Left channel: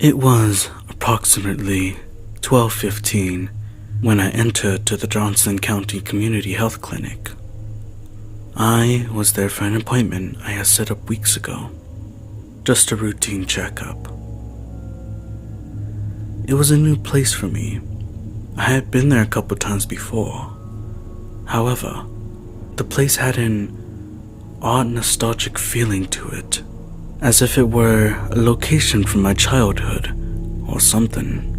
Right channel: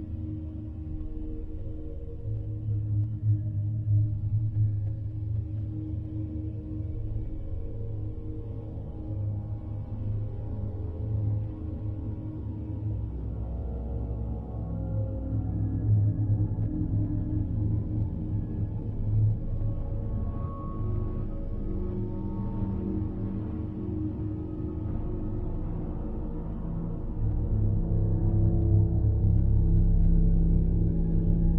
It was approximately 12:15 when I entered to the Johnson County Community Health Clinic. I was there for an appointment I had set up weeks ago, just a routine checkup. It was a new place for me. I had been there a couple times before. However, the place had an odd nostalgic feeling to it, as if it were a location from my childhood or something.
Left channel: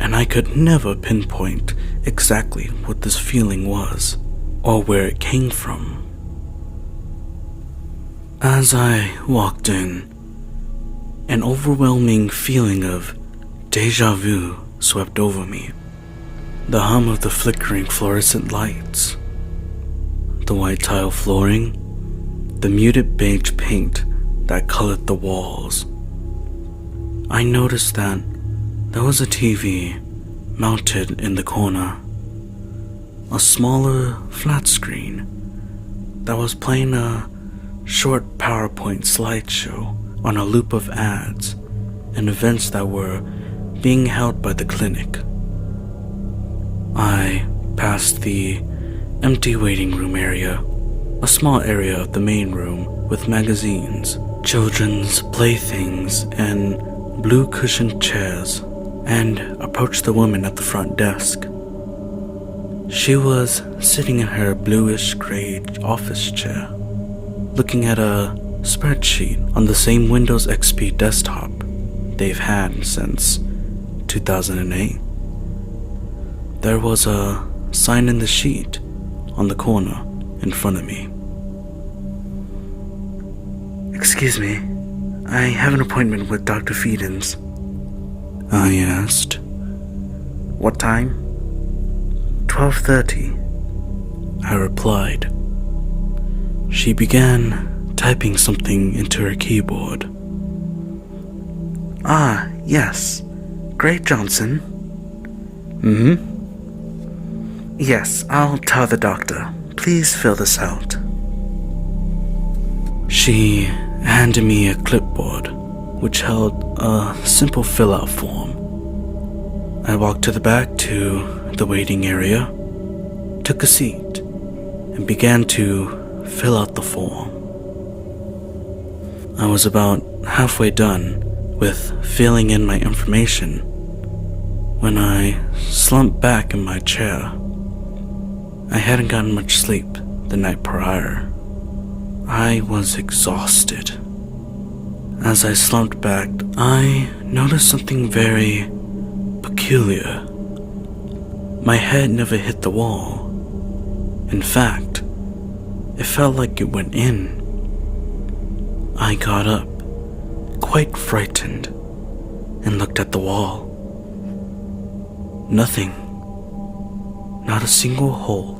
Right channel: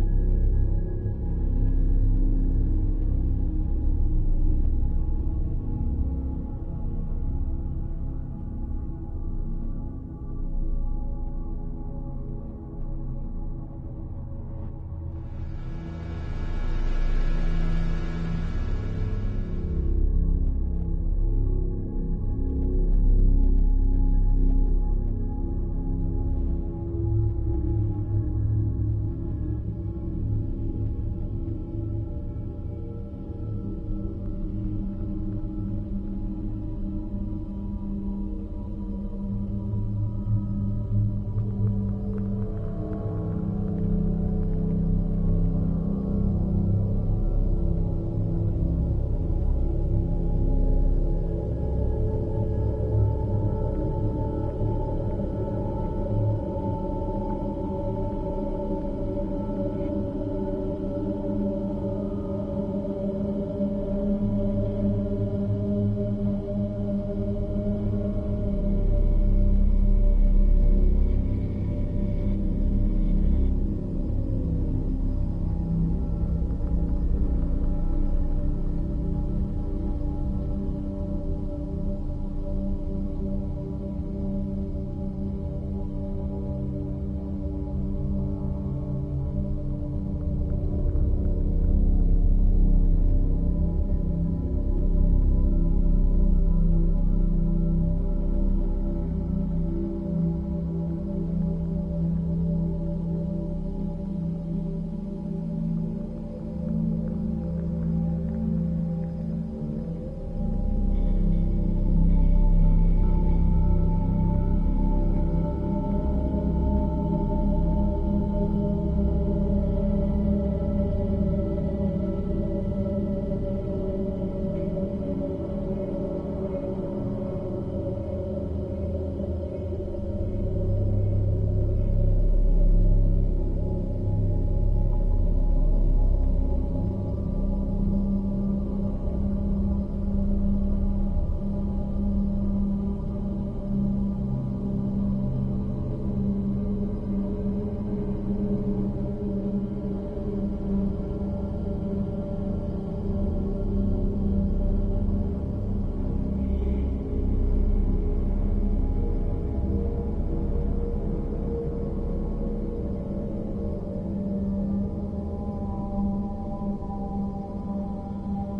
And I could never pinpoint exactly what this feeling was or where it came from. As I walked in, an overwhelming feeling of deja vu swept over me. The hum of the flickering fluorescent lights, the white tile flooring, the muted beige paint that colored the walls. I noticed that there was a TV mounted in the corner, a smaller flat screen that was playing a short PowerPoint slideshow on a loop of ads and events that were being held by the clinic. I passed the empty waiting room area, a small area of the main room with magazines, children's playthings, and blue cushioned chairs, and approached the woman at the front desk. She was sitting in her bluish-gray office chair, looking at a spreadsheet on the same Windows XP desktop they've had since 2008. There was a sign in the sheet on the corner in front of me. "Excuse me, I have an appointment with Dr. Feedens," I asked. "What time?" 12:30, I replied. She began typing something into her keyboard. "Ah, yes. Great, Johnson." "Mm-hmm. Yes, I'll tell the doctor. Please fill this out." She handed me a clipboard, which held a simple fill-out form. I walked to the back to the waiting area, took a seat, and began to fill out the form. I was about halfway done with filling in my information when I slumped back in my chair. I hadn't gotten much sleep the night prior. I was exhausted. As I slumped back, I noticed something very peculiar. My head never hit the wall. In fact, it felt like it went in. I got up, quite frightened, and looked at the wall. Nothing, not a single hole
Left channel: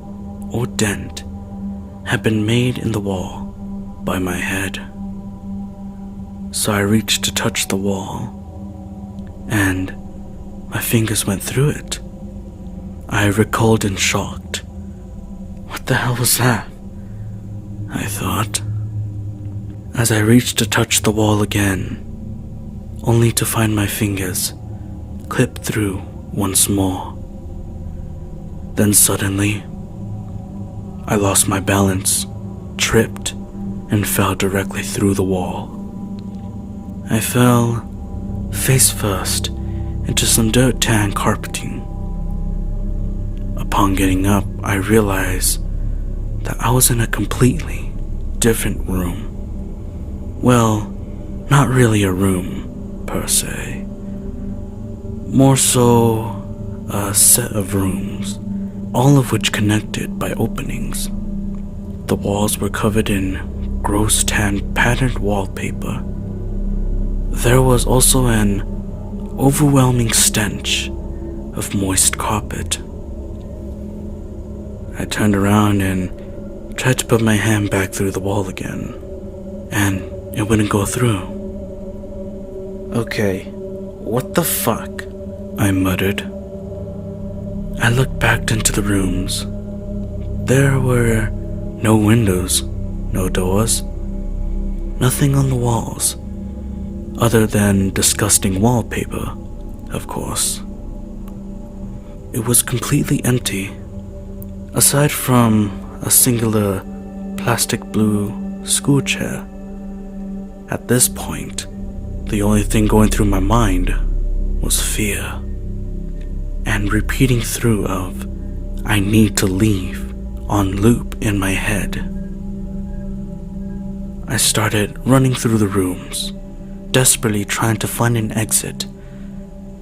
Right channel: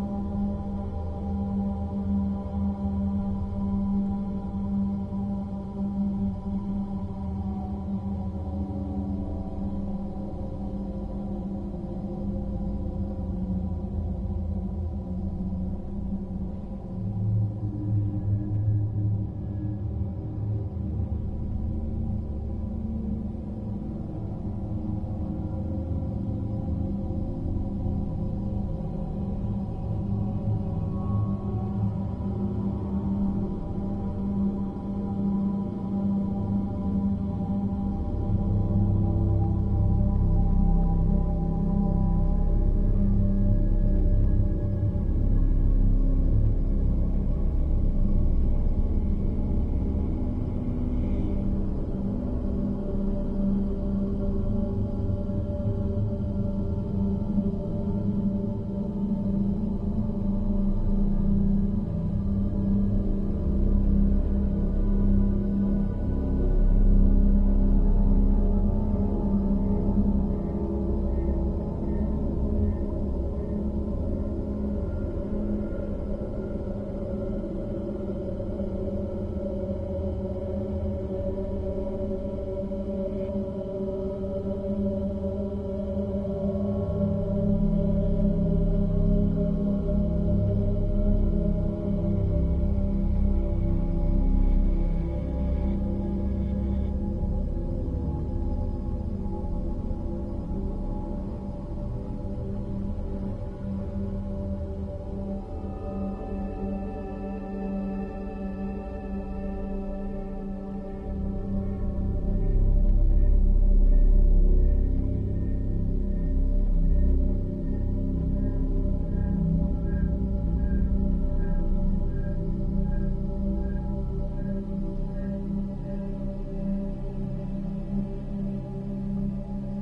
or dent, had been made in the wall by my head. So I reached to touch the wall, and my fingers went through it. I recoiled in shock. What the hell was that? I thought, as I reached to touch the wall again, only to find my fingers clipped through once more. Then suddenly, I lost my balance, tripped, and fell directly through the wall. I fell face first into some dirt tan carpeting. Upon getting up, I realized that I was in a completely different room. Well, not really a room, per se. More so, a set of rooms, all of which connected by openings. The walls were covered in gross tan patterned wallpaper. There was also an overwhelming stench of moist carpet. I turned around and tried to put my hand back through the wall again, and it wouldn't go through. "Okay, what the fuck?" I muttered. I looked back into the rooms. There were no windows, no doors, nothing on the walls. other than disgusting wallpaper, of course. It was completely empty, aside from a singular plastic blue school chair. At this point, the only thing going through my mind was fear, and repeating through of "I need to leave" on loop in my head. I started running through the rooms, desperately trying to find an exit,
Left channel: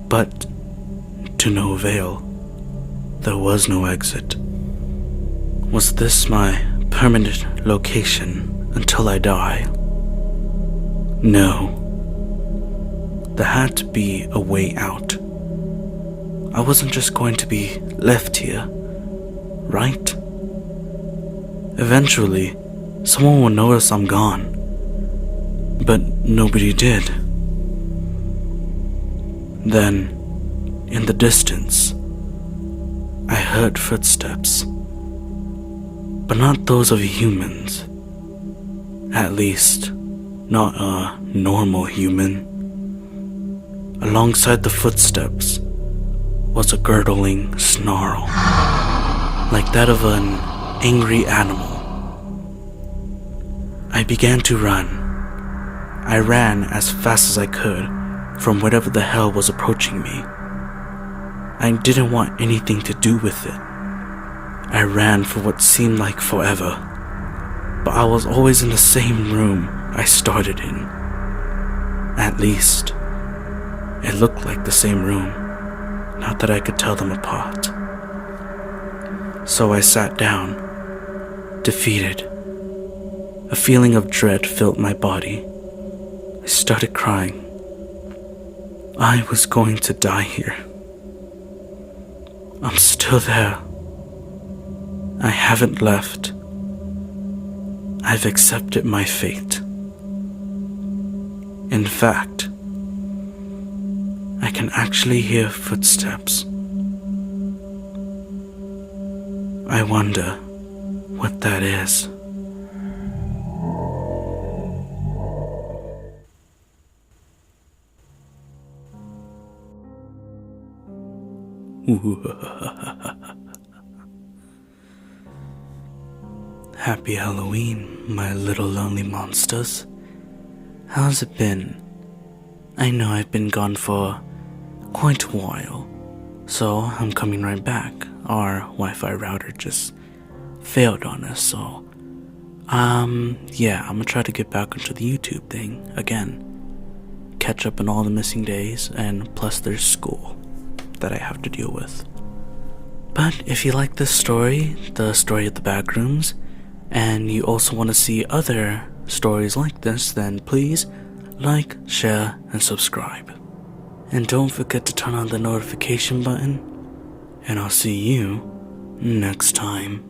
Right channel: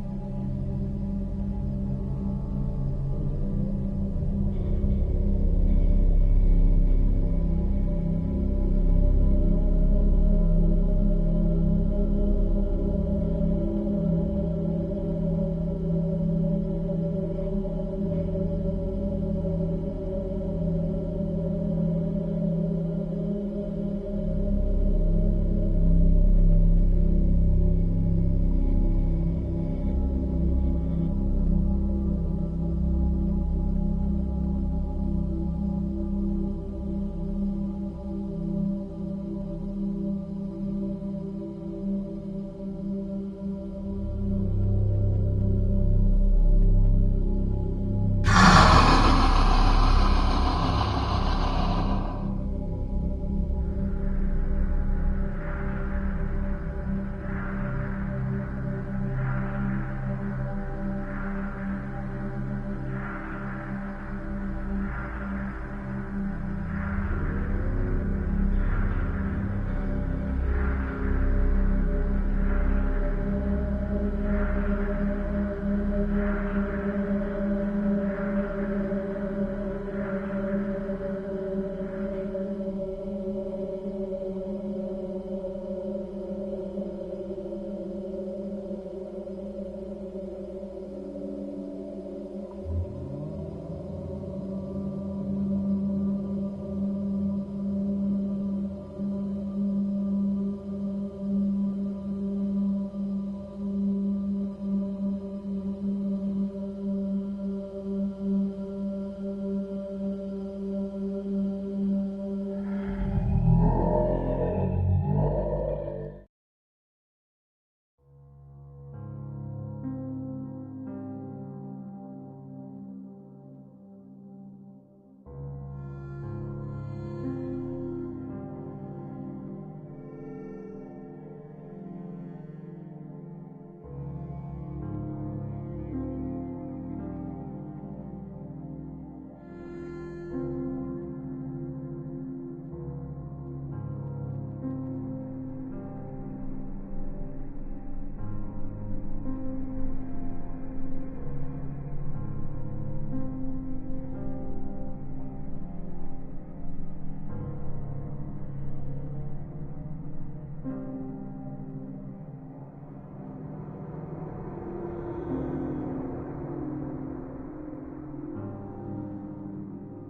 but to no avail. There was no exit. Was this my permanent location until I die? No. There had to be a way out. I wasn't just going to be left here, right? Eventually, someone will notice I'm gone. But nobody did. Then, in the distance, I heard footsteps. But not those of humans. At least, not a normal human. Alongside the footsteps was a gurgling snarl, like that of an angry animal. I began to run. I ran as fast as I could from whatever the hell was approaching me. I didn't want anything to do with it. I ran for what seemed like forever, but I was always in the same room I started in. At least, it looked like the same room, not that I could tell them apart. So I sat down, defeated. A feeling of dread filled my body. I started crying. I was going to die here. I'm still there. I haven't left. I've accepted my fate. In fact, I can actually hear footsteps. I wonder what that is. Happy Halloween, my little lonely monsters. How's it been? I know I've been gone for quite a while, so I'm coming right back. Our Wi-Fi router just failed on us, so yeah, I'm gonna try to get back onto the YouTube thing again. Catch up on all the missing days, and plus there's school that I have to deal with. But if you like this story, the story of the Backrooms, and you also want to see other stories like this, then please like, share, and subscribe. And don't forget to turn on the notification button, and I'll see you next time.